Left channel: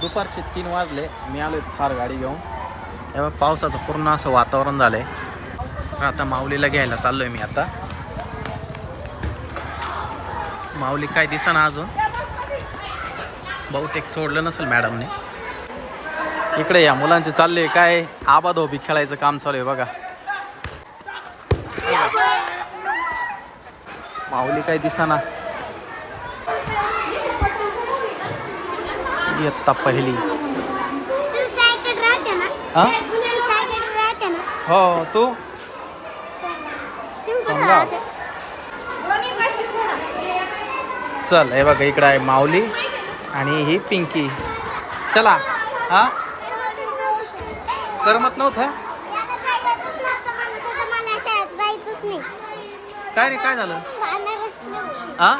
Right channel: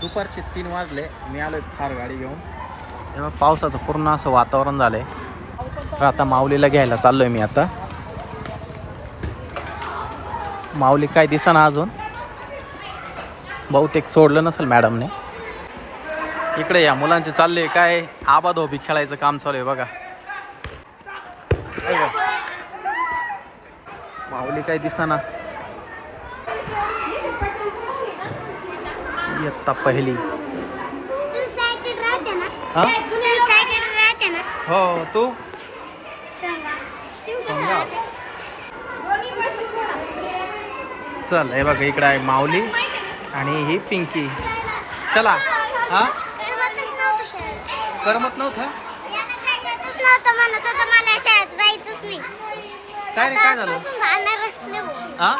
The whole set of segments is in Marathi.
दुपारचे तीन वाजले. मी आलो फार गाडी घेऊन. तेव्हा पावसाचं पूर्ण असं वातावरण झालंय. तर आता माऊलीला घ्यायला चाललोय मी आता. माऊली काय दिसेना अजून. बहुतेक सोडलं नसेल मॅडमने. इकडे या मुलांचे चालले काय आबाधोबी खेळायचं काम चालू आहे बघा. माऊली काय दिसाना. इयत्ता पहिली. हा? तू? हो सांगा. चल हे बघा इकडे आहे माऊली आणि ही पिंकी. चला हा? करमत नव्हतं? काय रे काय झालं. हा?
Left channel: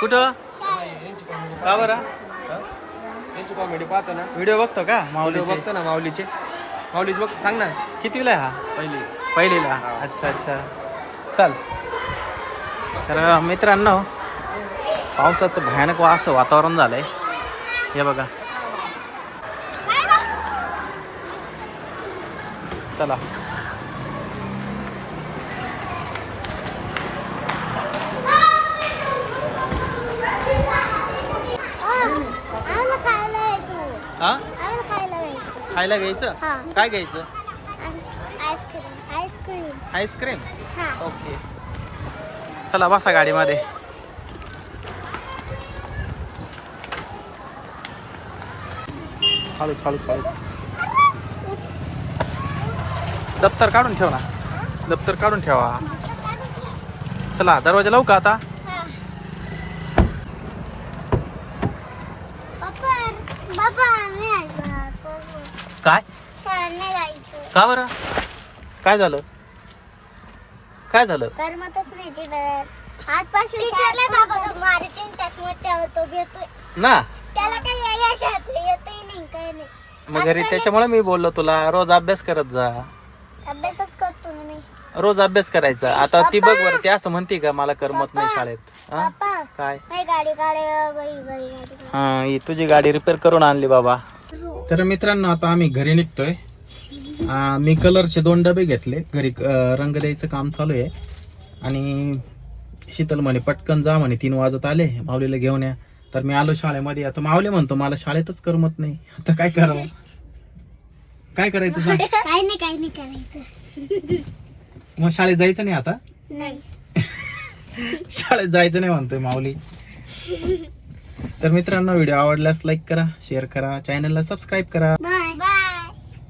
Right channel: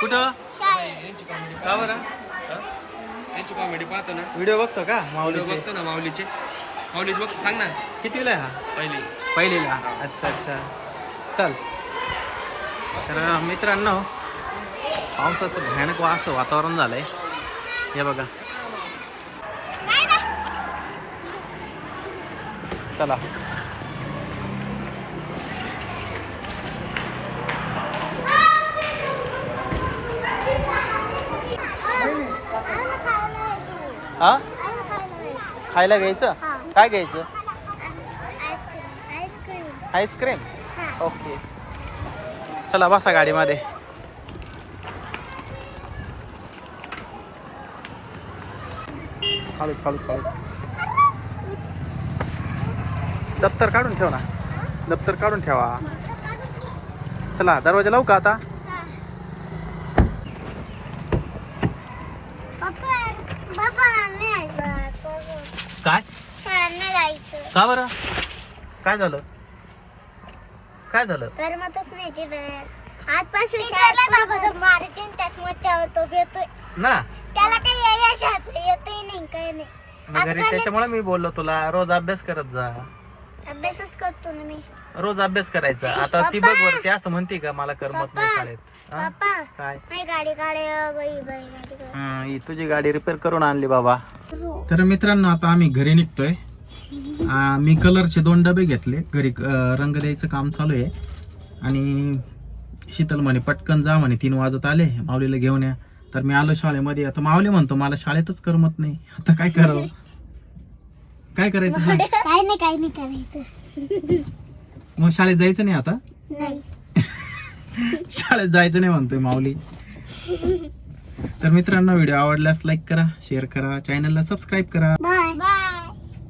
कुठं? का बरं? त्यांची कॉमेडी पाहतो ना. व्हिडिओ बघतो का माऊलीचे? बघतो ना माऊलीचे. माऊलीचे बघ सांग ना. कितीला आहे हा? पहिली. पहिलीला? अच्छा अच्छा. चल. तर मित्रांनो पावसाचं भयानक वा असं वातावरण झालंय. हे बघा. चला आम्हाला खायला यायचं नाही. हा? खायला यायचं. खायला घ्यायचं. काय घ्यायचं? आईस्क्रीम. हा ओके. चला बसा गाडीमध्ये. हळूच हळूच हळूच दप्तर काढून ठेव ना. दप्तर काढून ठेवा. चला दरवाजा लावू का आता पप्पा पप्पा नाही जायचं काय? का बरं? काय झालं? काय झालं? करमतच नाही आजपासून ना? त्याला काही या- या शाळेत येतही नाही काही नाही. मग घरी त्याच्यामुळे मी बोललो तुला रोज अभ्यास करत जा. अभ्यासच करतो ना मी. रोज अभ्यास करायचा. आता ती बघ बरं ती असं म्हणते का मला करमत नाही शाळेत. हा? काय? नाही गाडी काढे बाई बाई गाडी काढे. हा ही तुझी गाडी रिपेअर करून आणली बाबा. तर मित्रांनो आता आम्ही घरी निघतोय. आ, मी कलरचे दोन डबे घेतले. घरी अ, रंग द्यायचं काम चालू आहे. आणि शीतल म्हणे पटकन जा म्हणे तीन वाजत आले माऊलीला घेऊन या. तर मी आलो शाळेमध्ये. आता माऊली म्हणतो मला शाळेतच करमत नाही. आता काय करावं? काय करायचं? सांग. काही नाही काही नाही करायचं. मग शाळेत जायचं नाही आता? नाही. शाळेत जायचं नाही म्हणतोय माऊली. तर मित्रांनो व्हिडिओ आवडल्यास लाईक करा शेअर करा चॅनलला सबस्क्राईब करा. बाय